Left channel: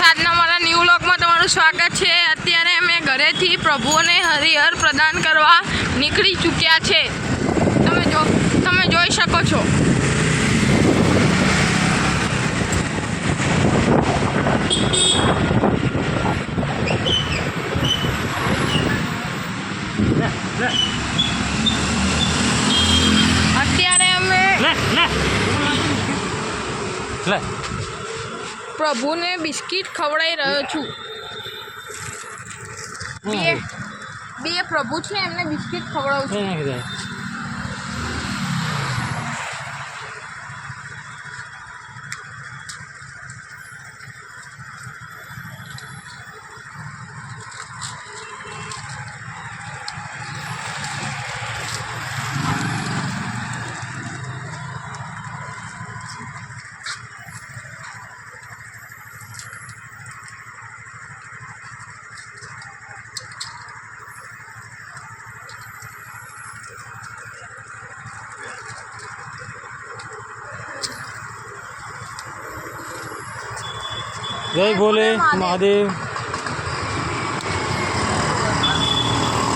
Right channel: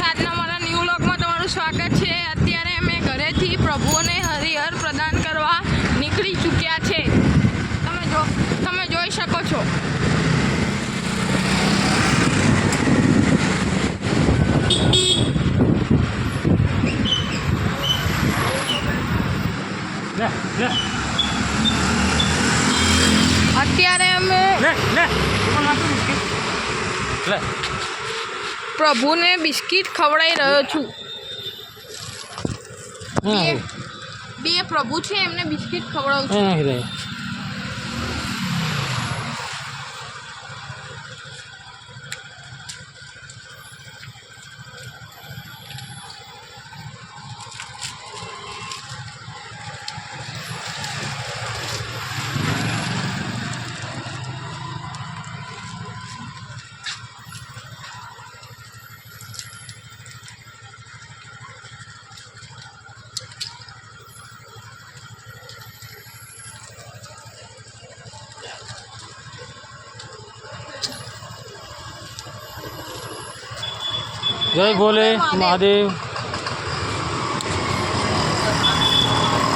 Friends, આજના મારા new વ્લોગમાં તમારું સ્વાગત છે। અત્યારે અમે ઘરેથી પ્રભુઓને હરિહર પ્રદાન કરવા નીકળી ચૂક્યા છે। તમે જોઈ શકો છો। અત્યારે અમે પ્રભુને બિસ્કિટ ખવડાવી રહ્યો છું। બે પ્રભુ છે, એમને બિસ્કિટ ખવડાવું છું। जय भोले महादेव।